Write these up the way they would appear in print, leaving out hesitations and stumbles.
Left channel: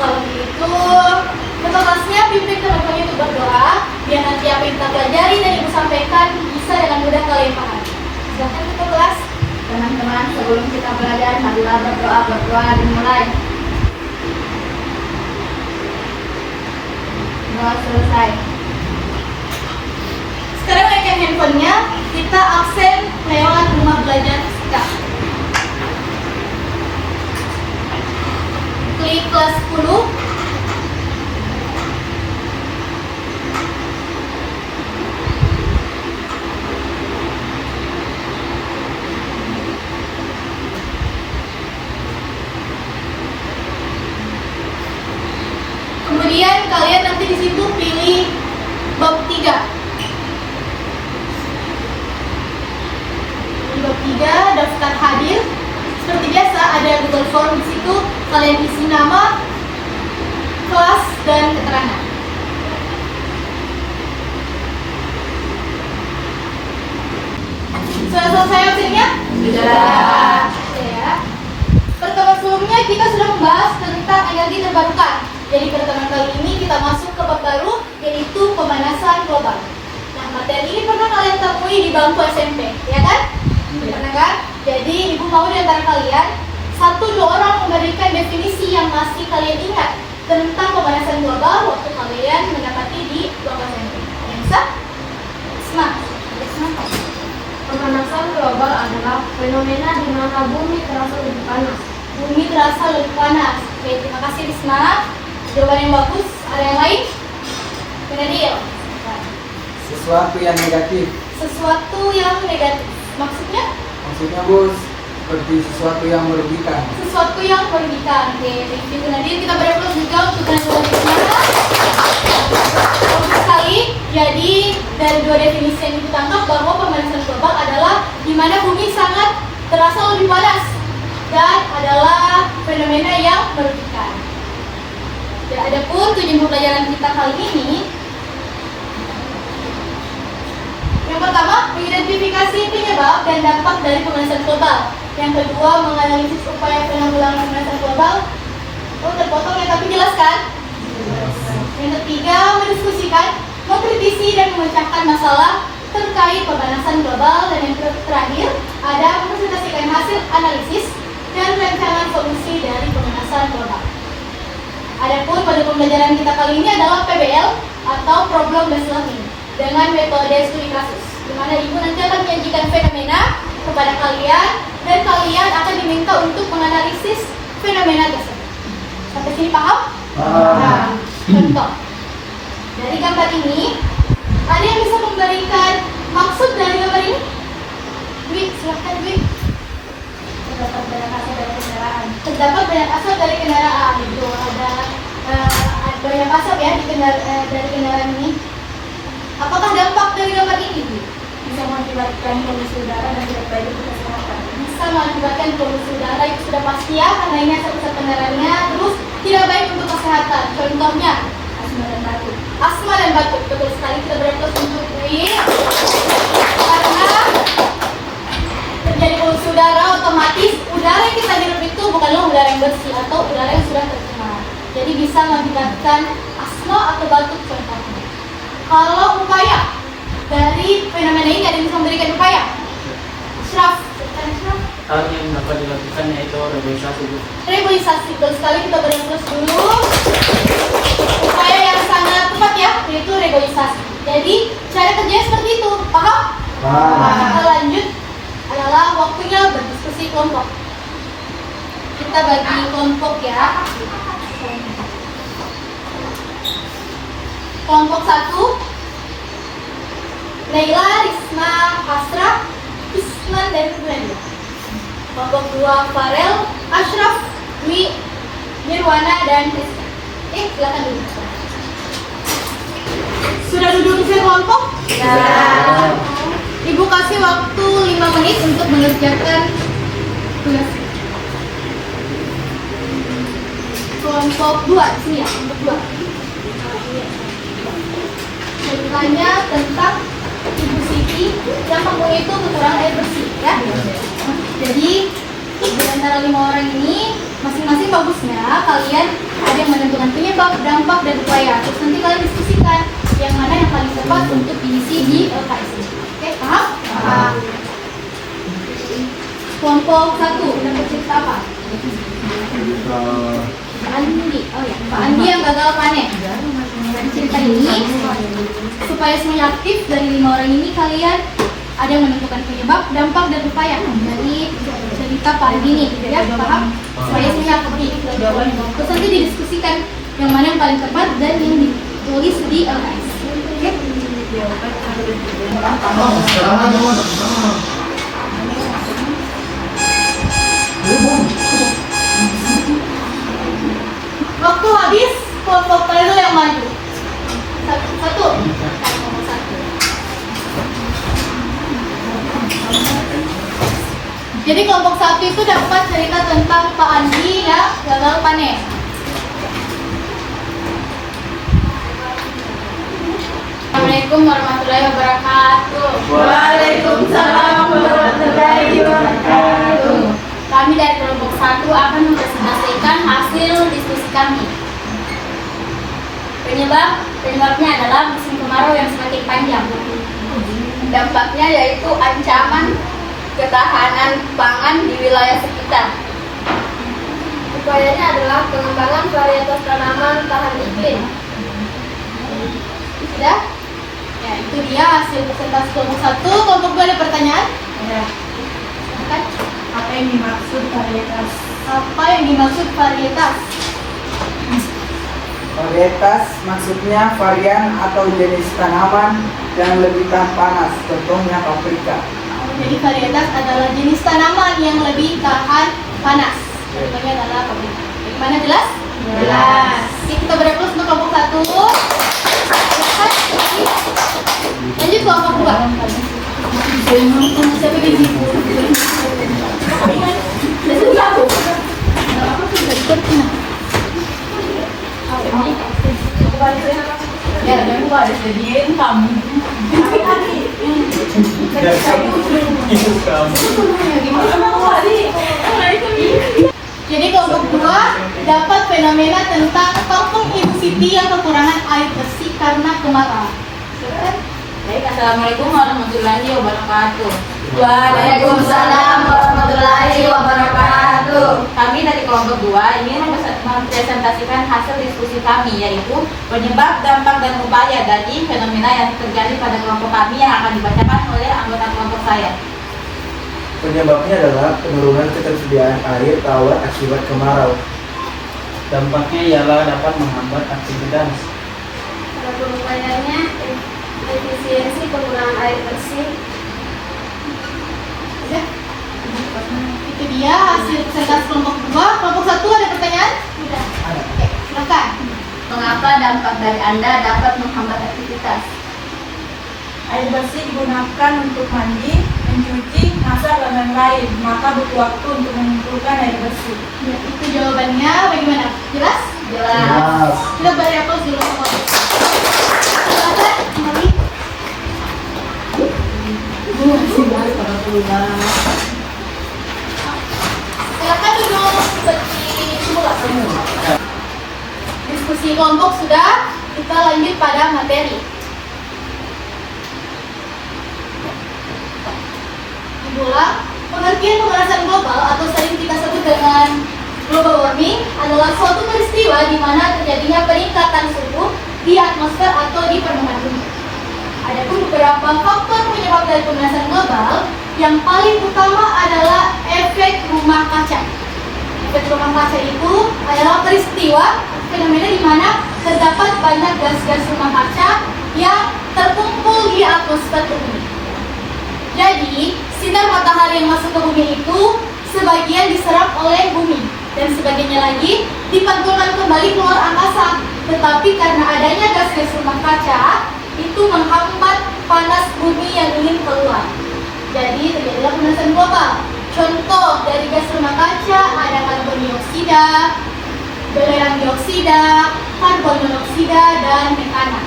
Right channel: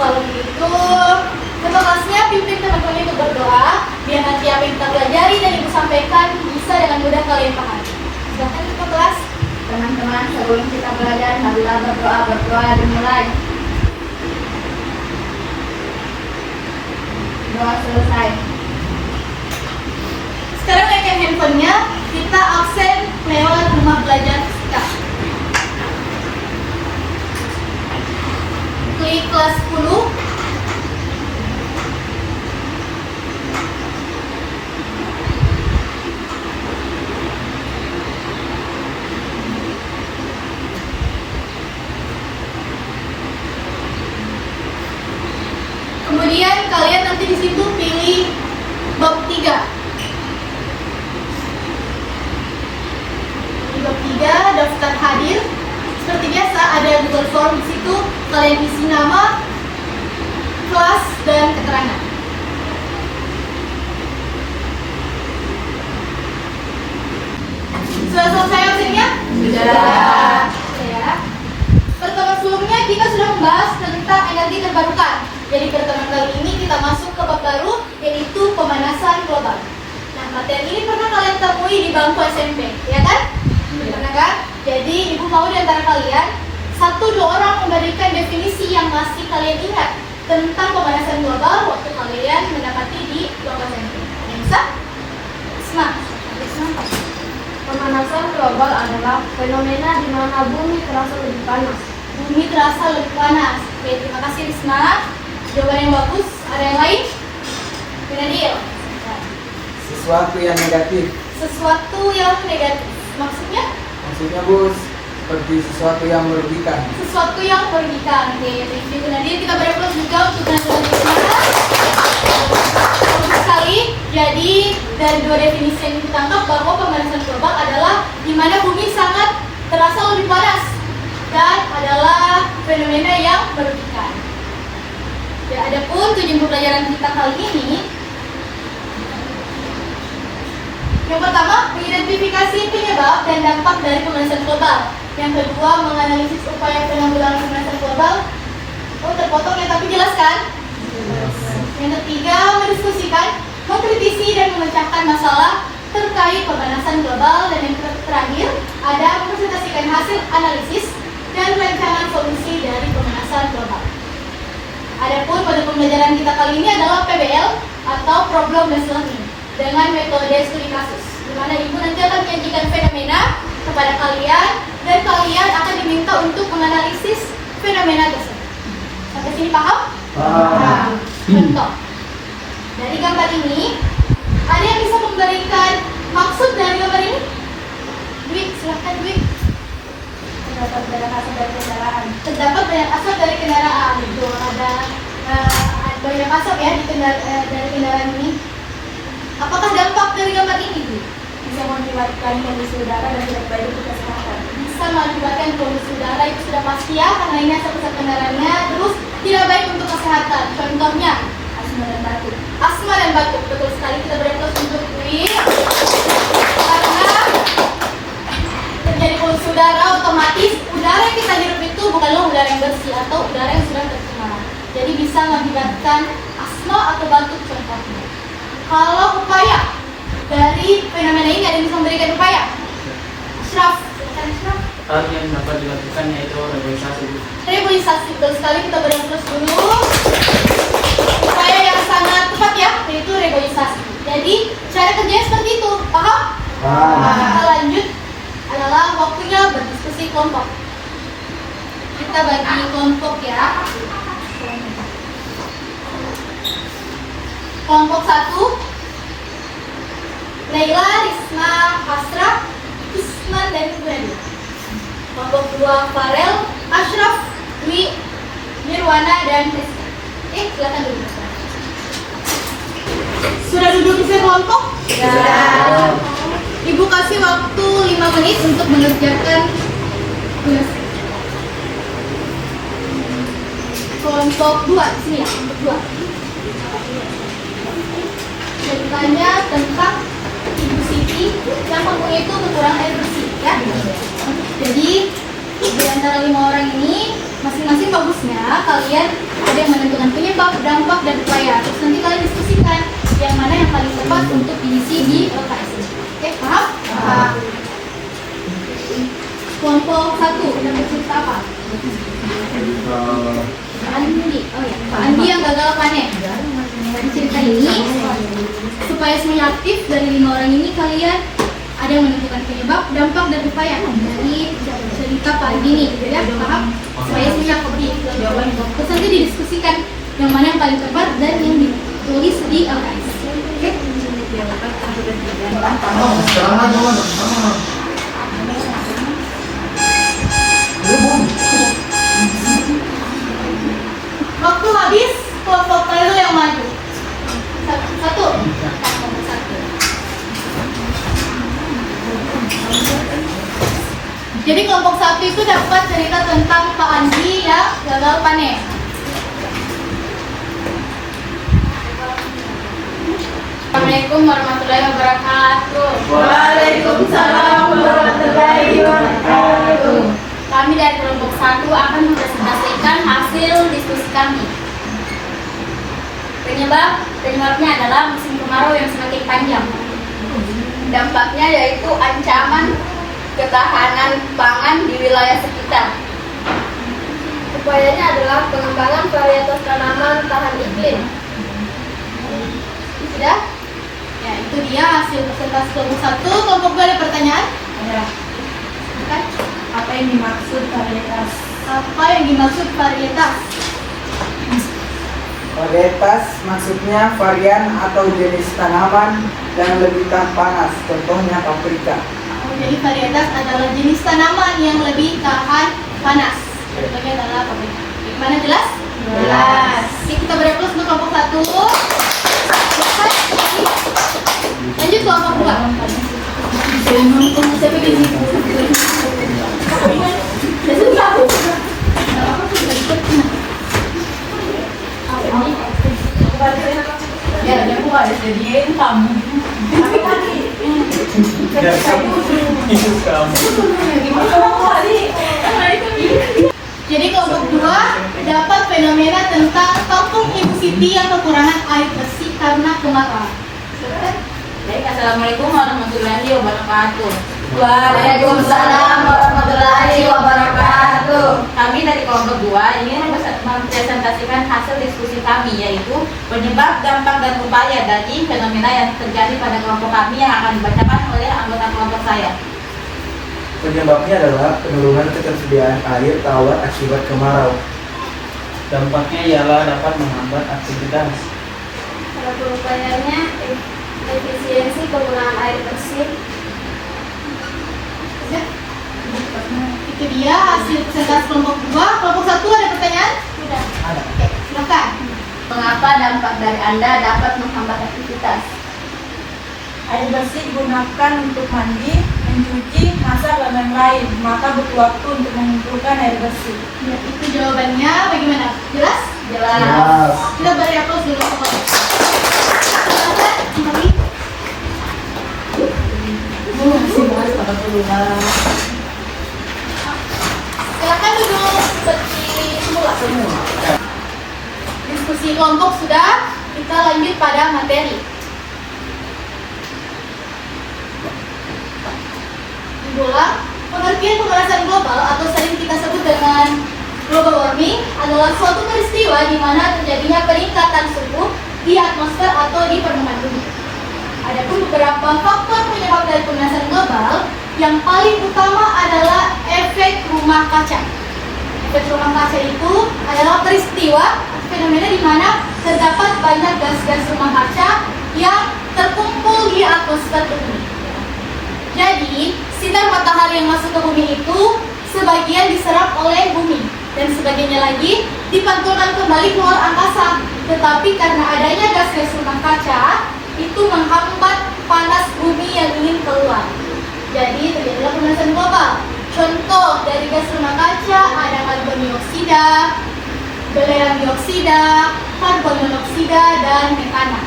Kalau begitu, untuk kelasnya pimpin teman-teman untuk berdoa, biar nanti apa yang kita pelajari dan Ibu sampaikan bisa dengan mudah kalian pahami. Silahkan ke kelas. Teman-teman, sebelum kita belajar, marilah berdoa dimulai. Doa selesai. Sekarang naikkan handphonenya, kita absen lewat rumah belajar kita. Klik kelas 10. Kemudian kalian nanti di situ pilih bab 3. Di bab 3 daftar hadir. Seperti biasa ada Google Form di situ. Kalian isi nama, kelas, dan keterangan. Sudah selesai absennya? Sudah. Ya. Pertemuan sebelumnya kita sudah membahas tentang energi terbarukan. Jadi pertemuan kali ini kita masuk ke bab baru, yaitu pemanasan global. Nah, materi ini pernah kalian temui di bangku SMP, ya kan? Pernah kan? Jadi ibu mau di antara kalian 1-2 orang memberikan definisi yang masih kalian ingat tentang pemanasan global waktu kalian mendapati di bangku SMP. Ada yang bisa? Isma. Pemanasan global adalah fenomena di mana bumi terasa lebih panas. Bumi terasa lebih panas. Oke, terima kasih Isma. Jawaban yang bagus. Ada yang lain? Benadil. Sesuatu yang negatif. Sesuatu yang negatif. Maksudnya? Maksudnya bos, seperti sesuatu yang merugikan. Sesuatu yang merugikan. Oke, itu nanti kita bereplos juga untuk menentukan bagus sekali. Jadi dari 2 definisi yang ditangkap bahwa pemanasan global adalah di mana bumi sangat terasa lebih panas dan adalah fenomena yang merugikan. Ya, adapun tujuan pembelajaran kita kali ini, yang pertama, mengidentifikasi penyebab dan dampak dari pemanasan global. Yang kedua, menganalisis upaya penanggulangan pemanasan global. Oh, terpotong ya, tapi jelas kan? Yang ketiga, mendiskusikan, mengkritisi dan memecahkan masalah terkait pemanasan global. Dan yang terakhir, ada mempresentasikan hasil analisis dan rancangan solusi dari pemanasan global. Adapun pada pembelajaran kita kali ini adalah PBL atau Problem Based Learning dengan metode studi kasus, di mana ibu nanti akan menyajikan fenomena kepada kalian dan kalian akan diminta untuk menganalisis fenomena tersebut. Sampai sini paham? Nah, contoh dari gambar ini, ada yang bisa memberikan maksud dari gambar ini? Dwi, silahkan Dwi. Terdapat banyak asal dari kendaraan. Terdapat banyak asap dari kendaraan. Itu ada banyak asap ya dari kendaraan ini. Apakah dampak dari gambar ini? Bisa mengakibatkan polusi udara dan tidak baik untuk kesehatan. Bisa mengakibatkan polusi udara, itu sudah pasti ya, karena ini asap kendaraannya. Terus tidak baik untuk kesehatan. Contohnya Asma dan batuk. asma dan batuk. Betul sekali, kita bereplos untuk ini. Karena terjadi polusi udara, otomatis udara yang kita hirup itu bukanlah udara yang bersih atau udara yang sudah tercemar. Jadi bisa mengakibatkan asma atau batuk contohnya. Kalau upaya dari fenomena ini, ada yang bisa memberikan upaya? Ashraf, Hal yang dapat dilakukan yaitu reboisasi. reboisasi. Betul sekali, kita bereplos dulu. Upaya yang sangat tepat ya, yaitu reboisasi. Jadi cara kerjanya seperti itu, paham? Nah, kita lanjut adalah waktunya berdiskusi kelompok. Kita bagi kelompok ya. Kelompok 1, Laila, Risma, Asraf, Isman, dan Ibrahim. Kelompok 2, Farel, Ashraf, Dwi, Nirwana, dan Rizka. Silakan duduk. Sudah duduk di kelompok? Sudah. Ibu kasih waktu 5 menit untuk mengerjakan tugas. Kelompok 2, sini ya, kelompok 2. Ceritanya tentang Ibu Siti yang mempunyai itu kekurangan air bersih ya. Jadi di antara 5 orang ini masing-masing bagusnya kalian ada yang menentukan penyebab, dampak, dan upaya. Terus nanti kalian diskusikan yang mana yang paling tepat untuk diisi di LKS ini. Oke, paham? Paham. Kelompok 1, benar bercerita apa? Pak Andi. Oh ya, Pak Andi yang gagal panen. Cerita ini supaya semuanya aktif dari 5 orang ini kalian ada yang menentukan penyebab, dampak, dan upaya dari cerita Pak Andi ini, ya paham? Supaya semuanya aktif. Terus nanti didiskusikan yang mana yang paling tepat dan yang ditulis di LKS. Oke? Waktu habis, kelompok paling yang maju. Satu. Kelompok 1. Jadi kelompok 1 itu dapat cerita tentang Pak Andi yang gagal panen. Assalamualaikum warahmatullahi wabarakatuh. Waalaikumsalam warahmatullahi wabarakatuh. Kami dari kelompok 1 akan mempresentasikan hasil diskusi kami. Penyebabnya adalah musim kemarau yang semakin panjang. Dampaknya yaitu ancaman ketahanan pangan di wilayah sekitar. Upayanya adalah pengembangan varietas tanaman tahan iklim. Sudah? Ya, itu dia hasil presentasi kelompok 1. Kelompok 2 ada pertanyaan? Silakan. Apa yang dimaksud varietas? Apa yang dimaksud varietas? Varietas maksudnya varian atau jenis tanaman yang lebih tahan panas, contohnya paprika. Jadi varietas adalah jenis tanaman yang lebih tahan panas. Contohnya adalah paprika. Mana jelas? Jelas. Jadi kita beri plus untuk kelompok 1. Lanjut kelompok 2. Ya, aku harus jadiin kamu. Jadi kelompok 2 dapat fenomena tentang kampung Ibu Siti yang kekurangan air bersih karena kemarau. Baik, assalamualaikum warahmatullahi wabarakatuh. Waalaikumsalam warahmatullahi wabarakatuh. Kami dari kelompok 2 ini mempresentasikan hasil diskusi kami, yaitu penyebab, dampak, dan upaya dari fenomena yang terjadi pada kelompok kami yang akan dibacakan oleh anggota kelompok saya. Penyebabnya adalah penurunan ketersediaan air tawar akibat kemarau. Dampaknya ialah dapat menghambat aktivitas. Kalau upayanya efisiensi penggunaan air bersih. Ya. Itu dia hasil presentasi kelompok 2. Kelompok 1 ada pertanyaan? Tidak. Oke, silakan. Mengapa dampak dari Anda dapat menghambat aktivitas? Air bersih digunakan untuk mandi, mencuci, masak, dan lain-lain. Maka butuh waktu untuk mengumpulkan air bersih. Ya, itu jawabannya. Bagaimana? Jelas? Jelas. Kita beri aplaus dulu. Silakan, Nabi. Silakan duduk seperti semula. Diskusi kelompok sudah, kita lanjut pada materi. Diulang, pengertian pemanasan global atau sering kita sebut dengan global warming adalah suatu peristiwa di mana terjadinya peningkatan suhu di atmosfer atau di permukaan bumi. Adapun beberapa faktor penyebab dari pemanasan global, yang paling utama adalah efek rumah kaca. Efek rumah kaca itu adalah peristiwa fenomena di mana terdapat banyak gas-gas rumah kaca yang terkumpul di atmosfer bumi. Jadi, sinar matahari yang masuk ke bumi itu sebagian diserap oleh bumi dan sebagiannya lagi dipantulkan kembali keluar angkasa. Tetapi karena adanya gas-gas rumah kaca, itu menghambat panas bumi yang ingin keluar. Jadi terjadilah pemanasan global. Contoh dari gas rumah kaca ada karbon dioksida, belerang dioksida, karbon monoksida, dan metana.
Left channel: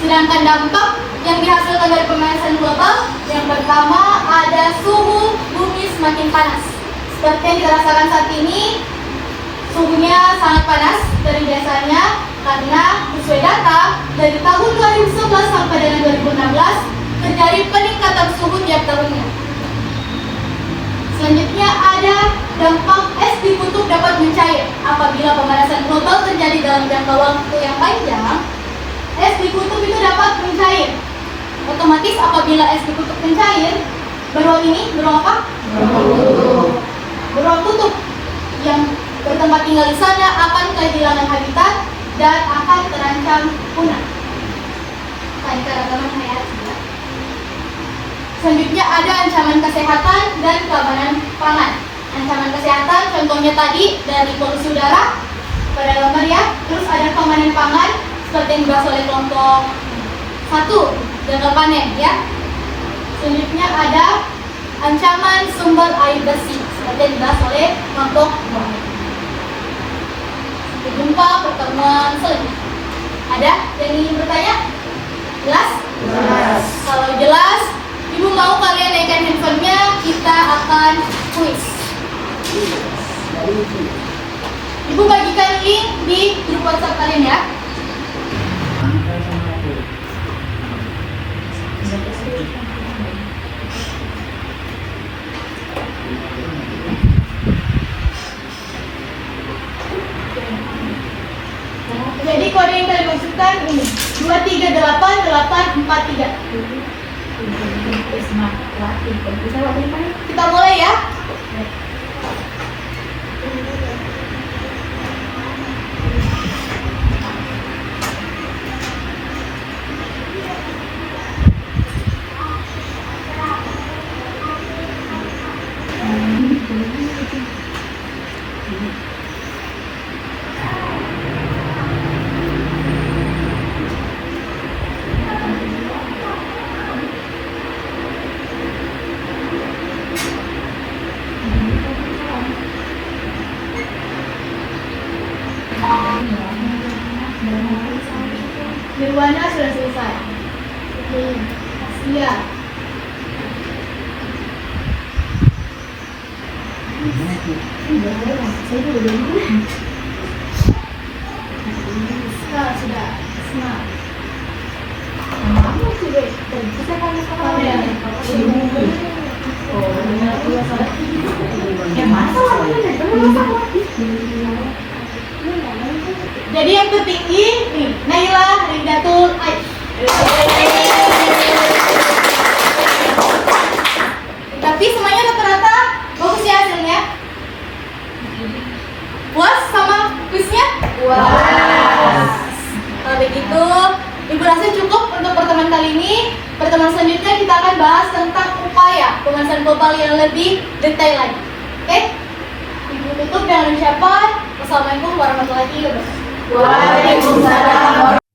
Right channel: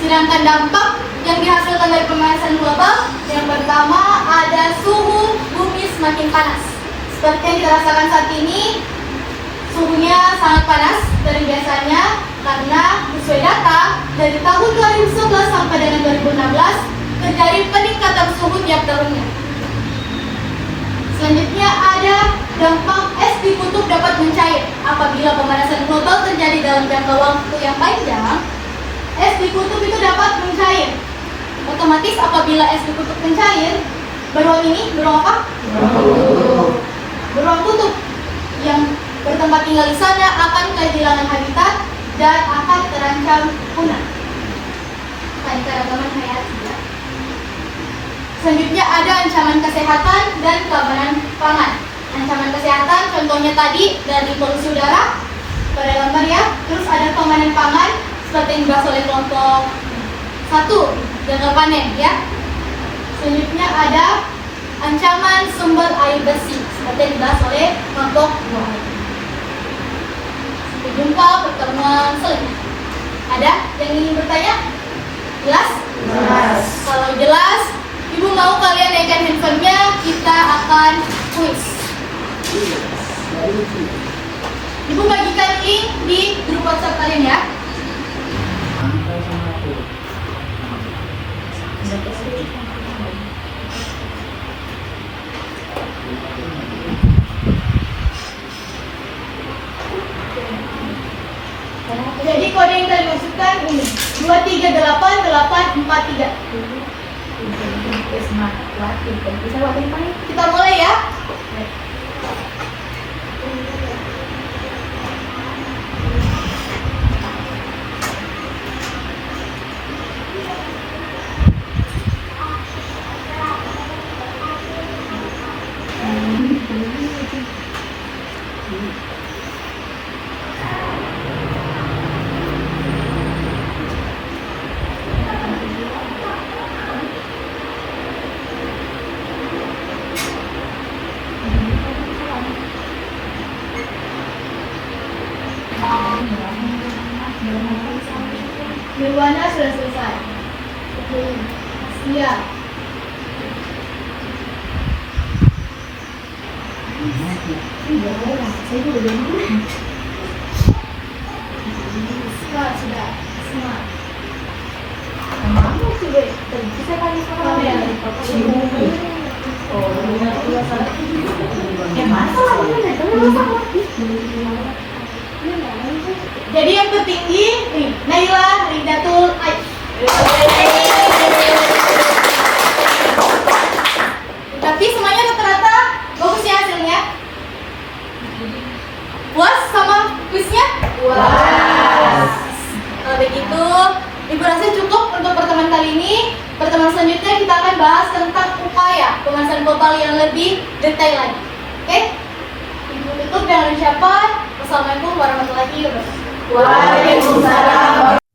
Sedangkan dampak yang dihasilkan dari pemanasan global, yang pertama ada suhu bumi semakin panas. Seperti yang dirasakan saat ini, Suhunya sangat panas dari biasanya karena sesuai data dari tahun 2011 sampai dengan 2016 terjadi peningkatan suhu tiap tahunnya. Selanjutnya ada dampak es di kutub dapat mencair. Apabila pemanasan global terjadi dalam jangka waktu yang panjang, es di kutub itu dapat mencair. Otomatis apabila es di kutub mencair, beruang ini, beruang apa? Beruang kutub yang bertempat tinggal di sana akan kehilangan habitat dan akan terancam punah. Selanjutnya ada ancaman kesehatan dan keamanan pangan. Ancaman kesehatan contohnya tadi dari polusi udara pada gambar ya. Terus ada keamanan pangan seperti yang dibahas oleh kelompok 1 gagal panen ya. Selanjutnya ada ancaman sumber air bersih seperti yang dibahas oleh kelompok 2. Sampai jumpa pertemuan selanjutnya. Ada yang ingin bertanya? Jelas? Jelas. Kalau jelas, Ibu mau kalian naikkan handphonenya, kita akan kuis. Ibu bagikan link di grup WhatsApp kalian ya. Jadi kode yang kalian masukkan ini 2388843. Kita mulai ya. Nirwana sudah selesai. Iya. Sudah. Jadi yang tertinggi nih, Naila Rindatul Aik. Tapi semuanya rata-rata bagus ya hasilnya. Puas sama kuisnya? Puas. Kalau begitu, Ibu rasa cukup untuk pertemuan kali ini. Pertemuan selanjutnya kita akan bahas tentang upaya pemanasan global yang lebih detail lagi. Oke? Ibu tutup dengan ucapan Wassalamualaikum warahmatullahi wabarakatuh. Waalaikumsalam.